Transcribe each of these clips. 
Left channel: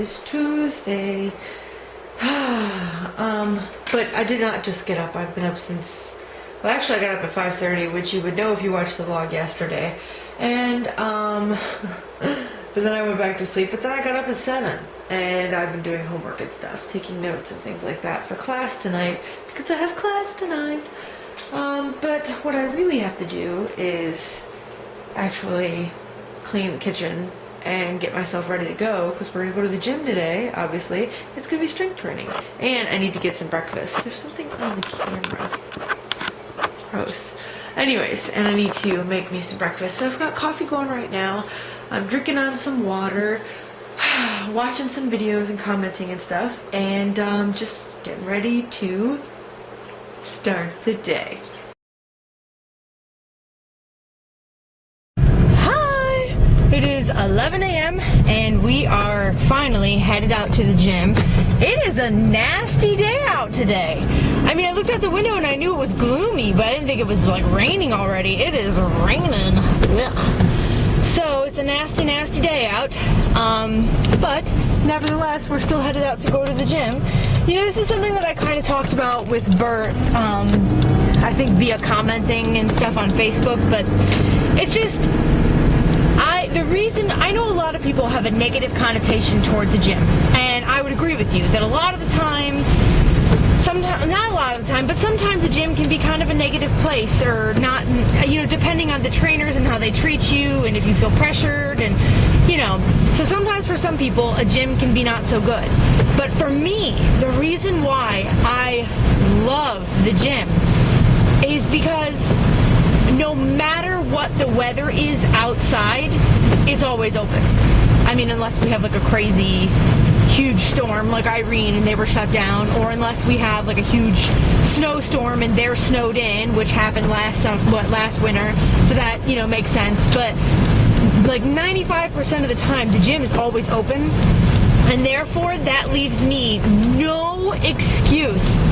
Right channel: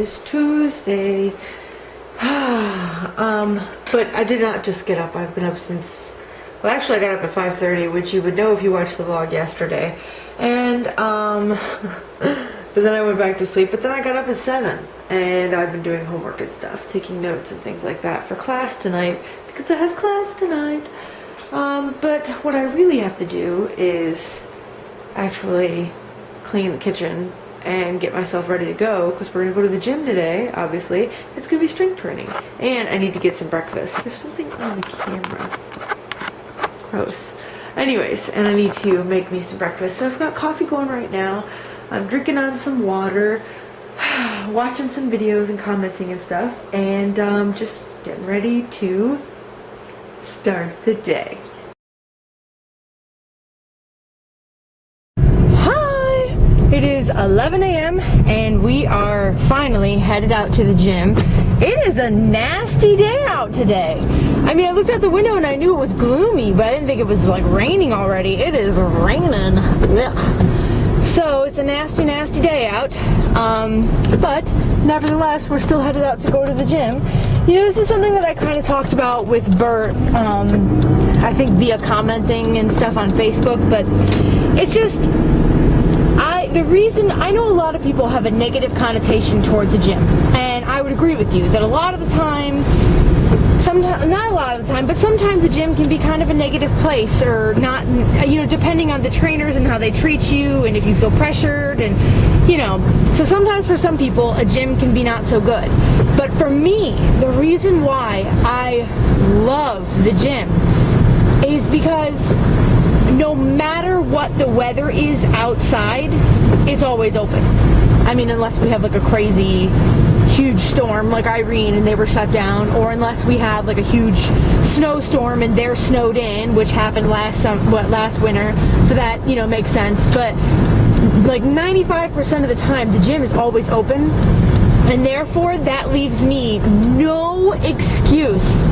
is Tuesday. But I did not just get up. I've been up since, well, actually I got up at 5:30, which you would know if you watched the vlog yesterday. And, but then I went back to sleep, but then I got up at 7. And I've been doing homework and stuff, taking notes and things like that for class tonight, because I have class tonight. But what I really have to do is actually clean the kitchen and get myself ready to go, because we're gonna go to the gym today. Obviously it's gonna be strength training, and I need to get some breakfast. There's something on the camera, gross. Anyways, and I need to make me some breakfast, so I've got coffee going right now. I'm drinking on some water, watching some videos and commenting and stuff, and just getting ready to start the day. It is 11 a.m. and we are finally headed out to the gym. It is a nasty day out today. I mean, I looked out the window and I knew it was gloomy, but I didn't think it was like raining already. It is raining. Ugh. So it's a nasty, nasty day out. But nevertheless, we're still headed out to go to the gym. You know, this is something that I kind of talked about with Bert, I think via commenting and stuff on Facebook, but it's just, the reason, I know a lot of people have a negative connotation towards the gym, and I would agree with you that a lot of the time, sometimes, not a lot of the time, but sometimes the gym can be kind of a negative place, or not, you know, depending on the trainers and how they treat you, and if you feel pressured, and, you know, so sometimes for some people, a gym can be not so good. But for me, the reason why I love the gym is because no matter what the weather is outside, it's always open. I mean, unless we have like a crazy huge storm like Irene and they were shut down, or unless we have like a huge snowstorm and they're snowed in, which happened last winter, so that, you know, makes sense. But like 95% of the time, the gym is always open, and therefore that leaves me no excuse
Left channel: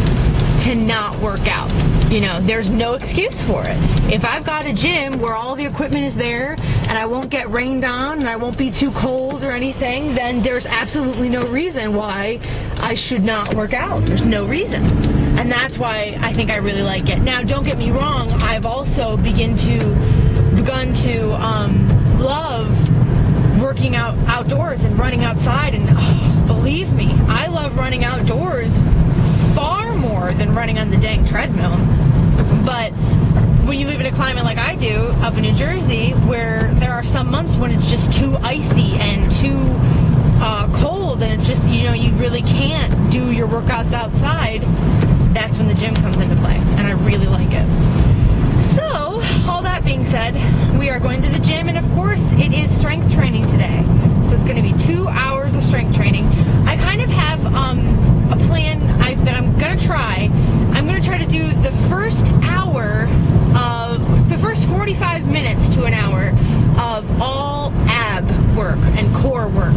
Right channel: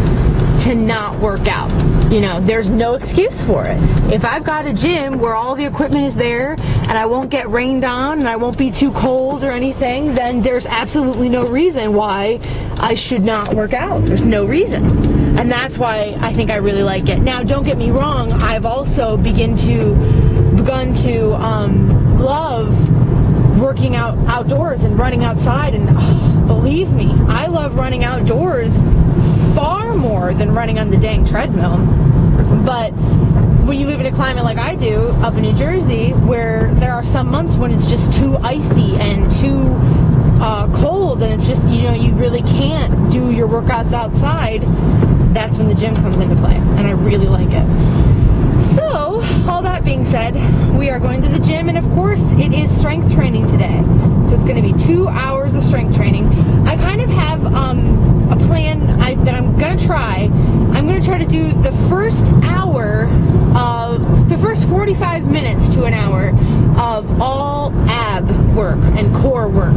to not work out. You know, there's no excuse for it. If I've got a gym where all the equipment is there and I won't get rained on and I won't be too cold or anything, then there's absolutely no reason why I should not work out. There's no reason. And that's why I think I really like it. Now, don't get me wrong, I've also begun to love working out outdoors and running outside, and believe me, I love running outdoors far more than running on the dang treadmill. But when you live in a climate like I do up in New Jersey, where there are some months when it's just too icy and too cold, and it's just, you know, you really can't do your workouts outside, that's when the gym comes into play, and I really like it. So, all that being said, we are going to the gym, and of course it is strength training today. So it's going to be 2 hours of strength training. I kind of have a plan that I'm going to try. I'm going to try to do the first hour of, the first 45 minutes to an hour of all ab work and core work.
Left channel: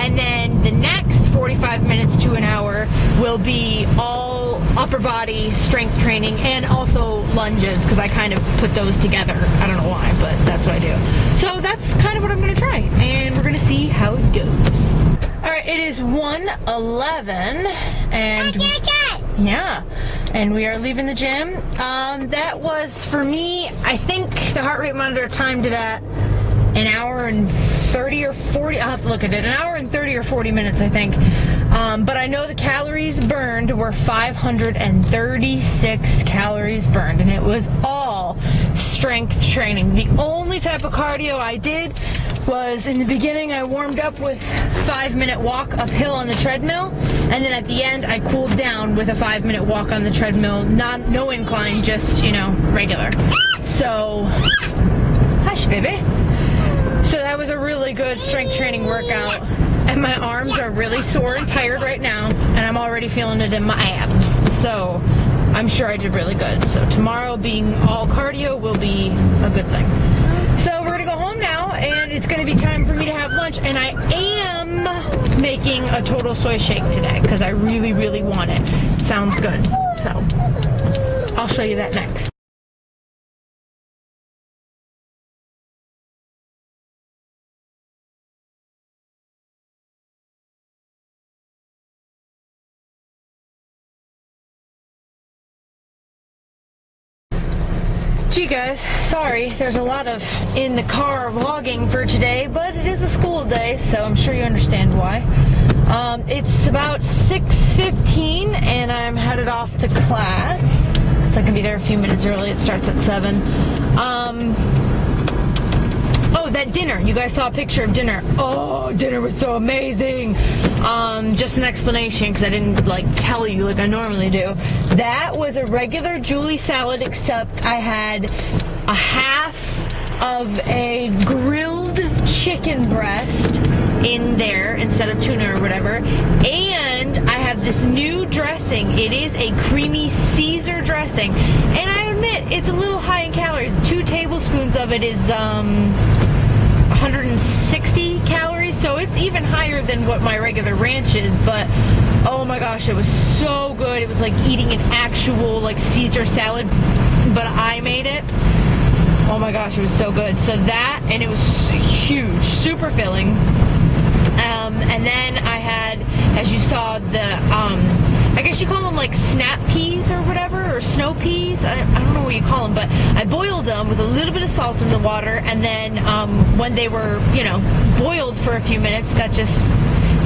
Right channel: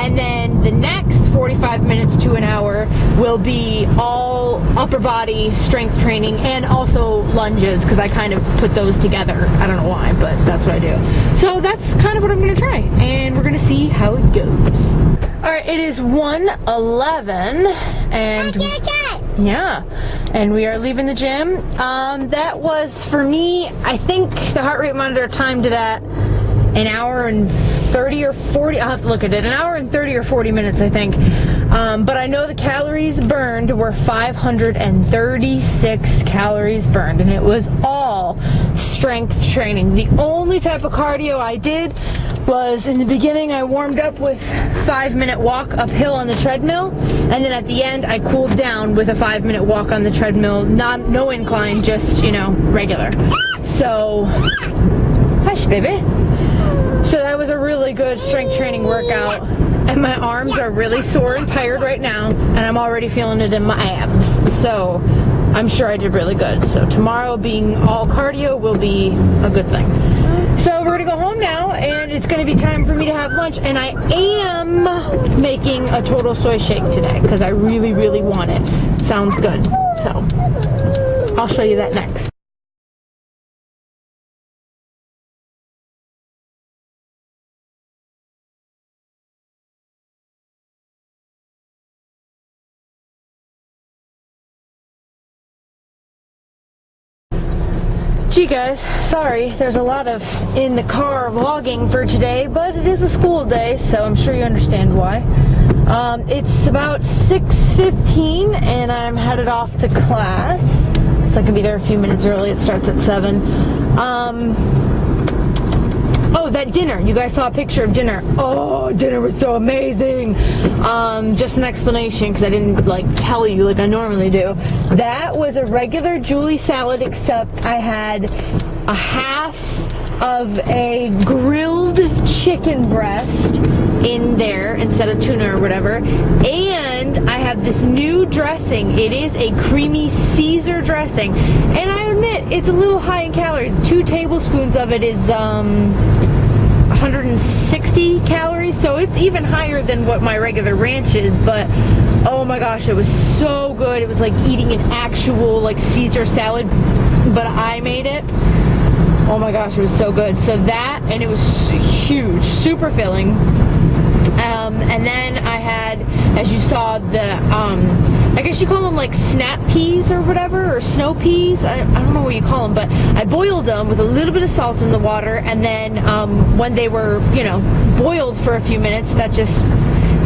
And then the next 45 minutes to an hour will be all upper body strength training, and also lunges, because I kind of put those together. I don't know why, but that's what I do. So that's kind of what I'm going to try, and we're going to see how it goes. Alright, it is 1:11, and yeah, and we are leaving the gym. That was, for me, I think the heart rate monitor timed it at an hour and 30 or 40, I'll have to look at it, an hour and 30 or 40 minutes, I think. But I know the calories burned were 536 calories burned, and it was all strength training. The only type of cardio I did was, in the beginning, I warmed up with 5-minute walk uphill on the treadmill, and then at the end I cooled down with a 5-minute walk on the treadmill, no incline, just, you know, regular. So, hush baby. So that was a really good strength training workout, and my arms are really sore and tired right now, and I'm already feeling it in my abs. So I'm sure I did really good. So tomorrow, being all cardio, will be a good thing. So we're gonna go home now, and it's gonna be time for me to have lunch, and I am making a total soy shake today because I really, really want it. Sounds good. So I'll show you that next. Gee guys, sorry, there's a lot of in the car vlogging for today, but it is a school day, so I'm sure you understand why. It's about 6:15 and I'm headed off to class, so I can be there a few minutes early. It starts at 7. Oh, that dinner. You guys saw a picture of dinner. Oh, dinner was so amazing. Just an explanation, because I didn't tell you like I normally do. That was a regular Julie salad, except I had a half of a grilled chicken breast in there instead of tuna or whatever. And I have this new dressing. It is a creamy Caesar dressing. And I admit, it's a little high in calories. 2 tablespoons of it is 160 calories, so it's even higher than what my regular ranch is, but oh my gosh, it was so good. It was like eating an actual Caesar salad, but I made it. Oh my gosh, it was so good. So that, and it was huge, super filling. And then I had, as you saw, the I guess you call them snap peas or whatever, or snow peas. I don't know what you call them, but I boiled them with a little bit of salt in the water, and then when they were, boiled for a few minutes, that just,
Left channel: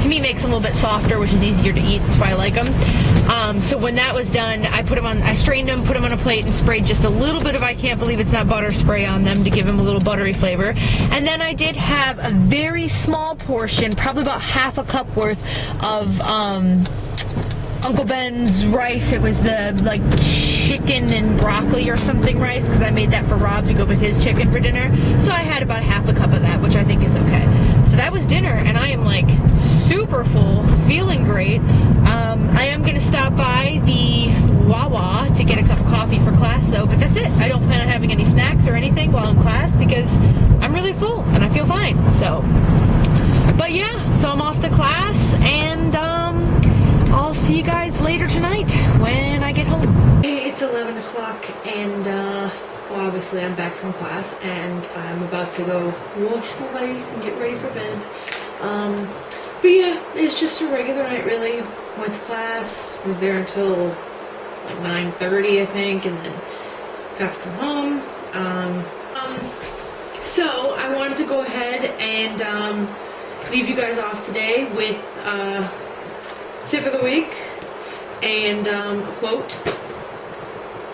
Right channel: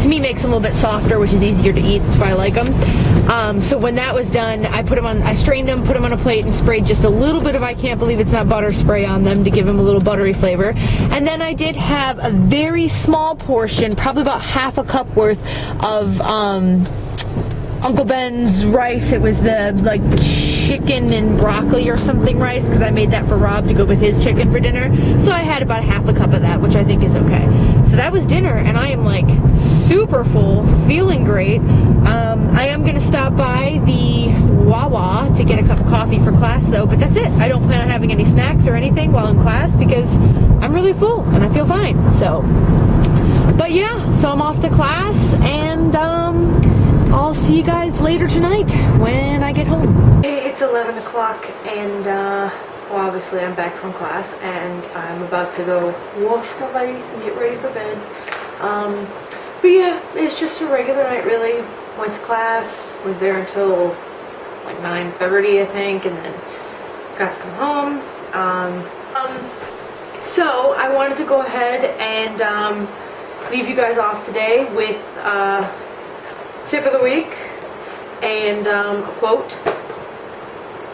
to me, makes them a little bit softer, which is easier to eat. That's why I like them. So when that was done, I strained them, put them on a plate, and sprayed just a little bit of I can't believe it's not butter spray on them to give them a little buttery flavor. And then I did have a very small portion, probably about half a cup worth of Uncle Ben's rice. It was the chicken and broccoli or something rice, because I made that for Rob to go with his chicken for dinner. So I had about half a cup of that, which I think is okay. So that was dinner, and I am super full, feeling great. I am going to stop by the Wawa to get a cup of coffee for class though, but that's it. I don't plan on having any snacks or anything while in class because I'm really full and I feel fine. So, but yeah, so I'm off to class, and I'll see you guys later tonight when I get home. Hey, it's 11 o'clock and well, obviously I'm back from class and I'm about to go wash my face and get ready for bed. But yeah, it's just a regular night really. Went to class, was there until 9:30 I think, and then got to come home. So I wanted to go ahead and leave you guys off today with tip of the week and a quote.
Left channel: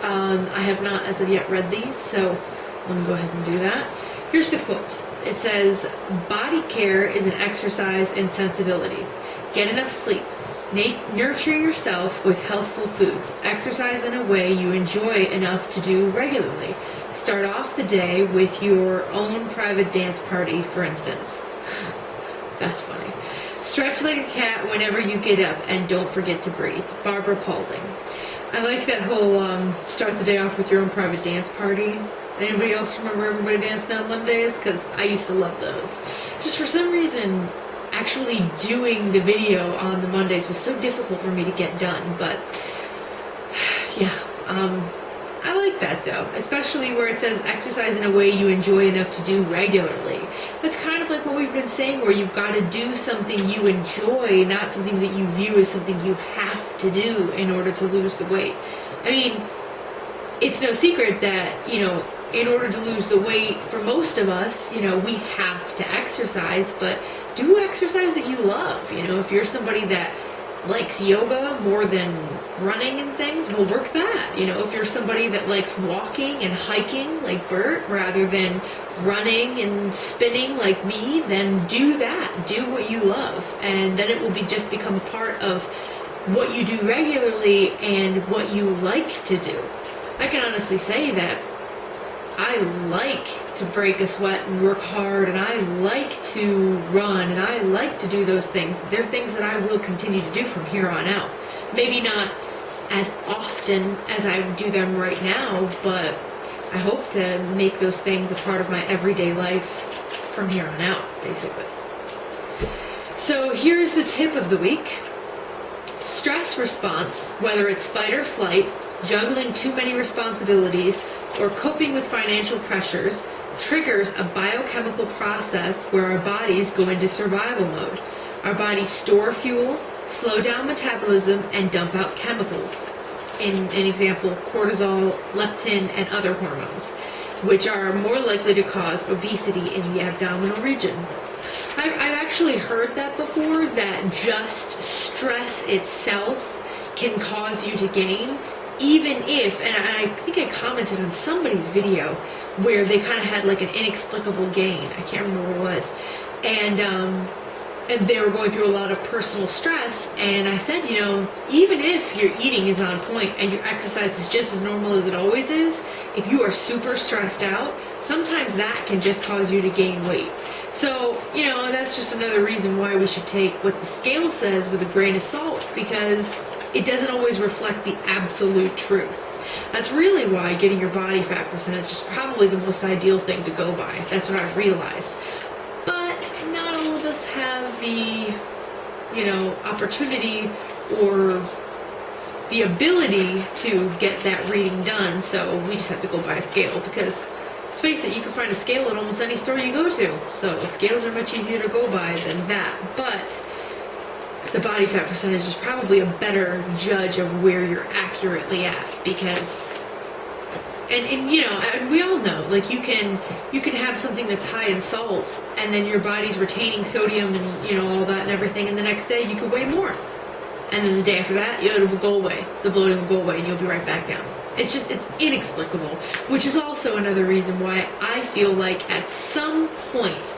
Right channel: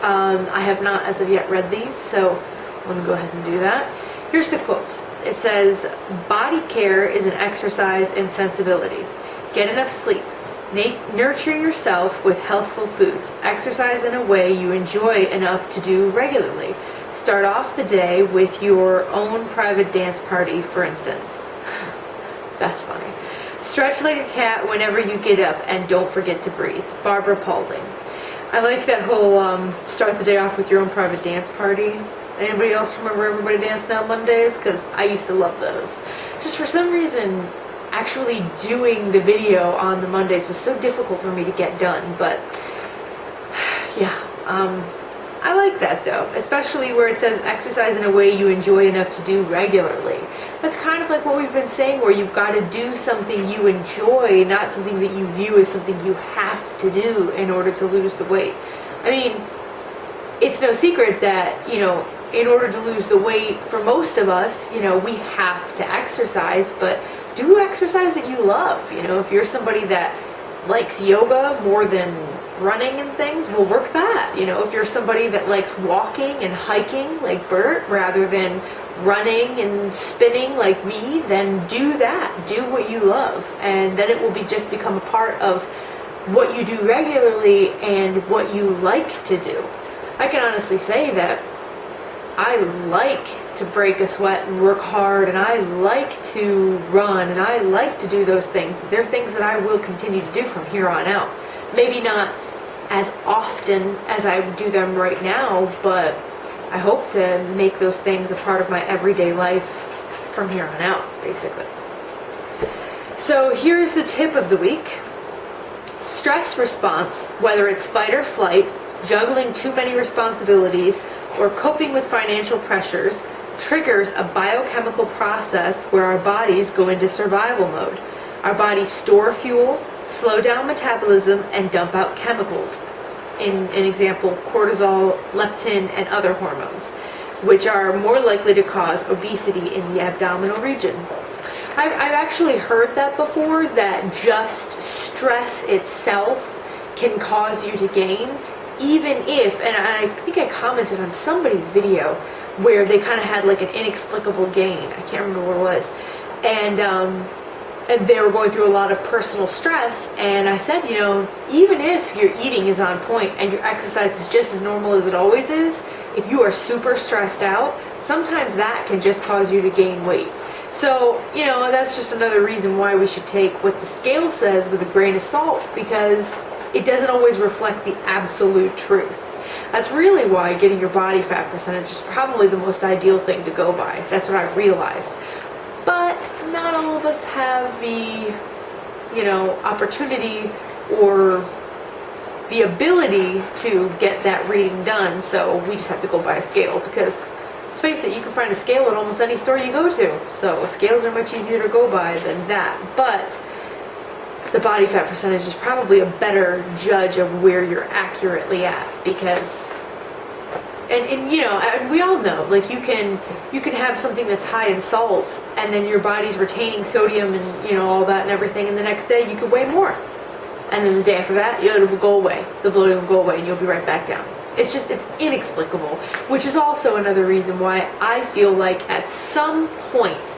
I have not as of yet read these, so let me go ahead and do that. Here's the quote. It says, "Body care is an exercise in sensibility. Get enough sleep. Nurture yourself with healthful foods. Exercise in a way you enjoy enough to do regularly. Start off the day with your own private dance party, for instance." That's funny. "Stretch like a cat whenever you get up, and don't forget to breathe." Barbara Paulding. I like that whole start the day off with your own private dance party. Anybody else remember Everybody Dancing on Mondays? Because I used to love those. Just for some reason, actually doing the video on the Mondays was so difficult for me to get done. But yeah, I like that though, especially where it says exercise in a way you enjoy enough to do regularly. That's kind of like what we've been saying, where you've got to do something you enjoy, not something that you view as something you have to do in order to lose the weight. I mean, it's no secret that, in order to lose the weight, for most of us, we have to exercise, but do exercise that you love. If you're somebody that likes yoga more than running and things, well, work that. If you're somebody that likes walking and hiking like Bert rather than running and spinning like me, then do that. Do what you love, and then it will just become a part of what you do regularly and what you like to do. I can honestly say that I like to break a sweat and work hard, and I like to run, and I like to do those things. They're things that I will continue to do from here on out. Maybe not as often as I do them right now, but I hope to make those things a part of my everyday life from here on out, basically. So here's the tip of the week. Stress response, whether it's fight or flight, juggling too many responsibilities, or coping with financial pressures, triggers a biochemical process where our bodies go into survival mode. Our bodies store fuel, slow down metabolism, and dump out chemicals. in an example, cortisol, leptin, and other hormones, which are more likely to cause obesity in the abdominal region. I've actually heard that before, that just stress itself can cause you to gain, even if, and I think I commented on somebody's video where they kind of had like an inexplicable gain. I can't remember what it was. And they were going through a lot of personal stress, and I said, you know, even if your eating is on point and your exercise is just as normal as it always is, if you are super stressed out, sometimes that can just cause you to gain weight. So, you know, that's just another reason why we should take what the scale says with a grain of salt, because it doesn't always reflect the absolute truth. That's really why getting your body fat percentage is probably the most ideal thing to go by. That's what I've realized. But not all of us have the, you know, opportunity or the ability to get that reading done, so we just have to go by a scale, because let's face it, you can find a scale at almost any store you go to, so scales are much easier to go by than that. But the body fat percentage is probably a better judge of where you're accurately at, because and you know, and we all know, like, you can have something that's high in salt and then your body's retaining sodium and, you know, all that and everything, and the next day you could weigh more, and then the day after that it will go away, the bloating will go away, and you'll be right back down. It's inexplicable, which is also another reason why I feel like at some point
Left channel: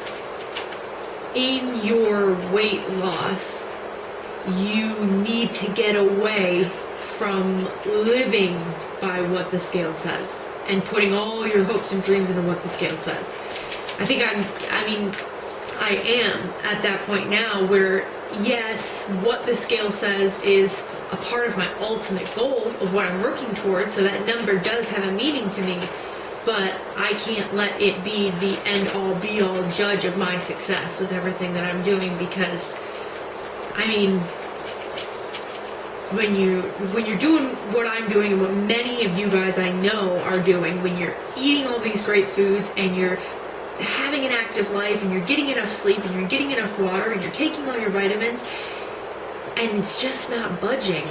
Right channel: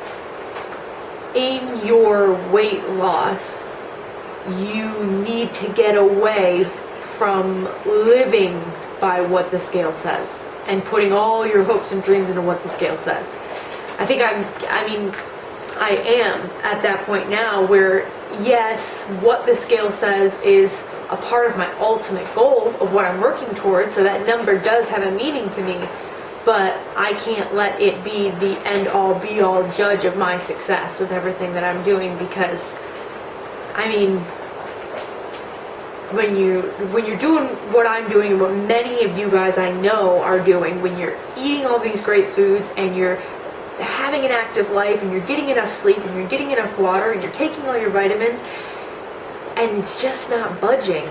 in your weight loss, you need to get away from living by what the scale says and putting all your hopes and dreams into what the scale says. I think I am at that point now where, yes, what the scale says is a part of my ultimate goal of what I'm working towards, so that number does have a meaning to me, but I can't let it be the end-all be-all judge of my success with everything that I'm doing, because, I mean, when you're doing what I'm doing and what many of you guys I know are doing, when you're eating all these great foods and you're having an active life and you're getting enough sleep and you're getting enough water and you're taking all your vitamins and it's just not budging,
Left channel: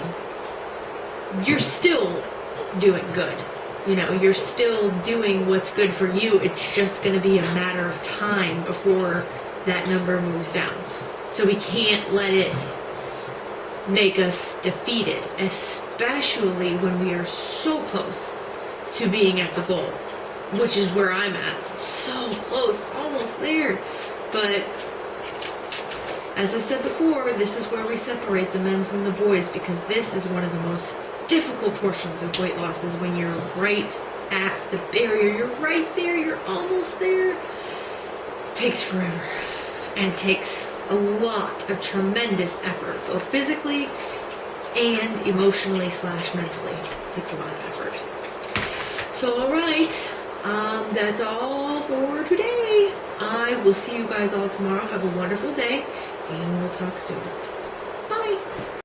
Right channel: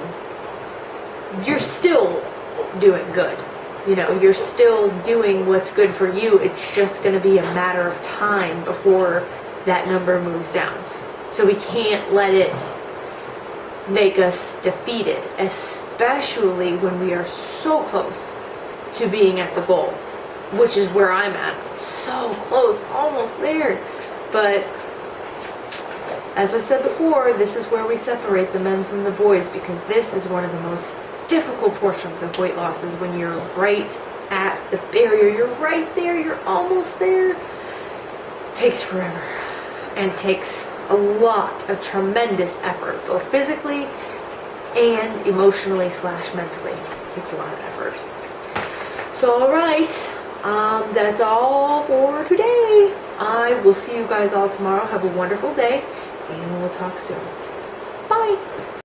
you're still doing good. You know, you're still doing what's good for you. It's just going to be a matter of time before that number moves down. So we can't let it make us defeated, especially when we are so close to being at the goal, which is where I'm at. So close, almost there. But as I said before, this is where we separate the men from the boys, because this is one of the most difficult portions of weight loss, is when you're right at the barrier. You're right there, you're almost there. It takes forever and takes a lot of tremendous effort, both physically and emotionally / mentally. It takes a lot of effort. So, all right, that's all for today. I will see you guys all tomorrow. Have a wonderful day, and we'll talk soon. Bye.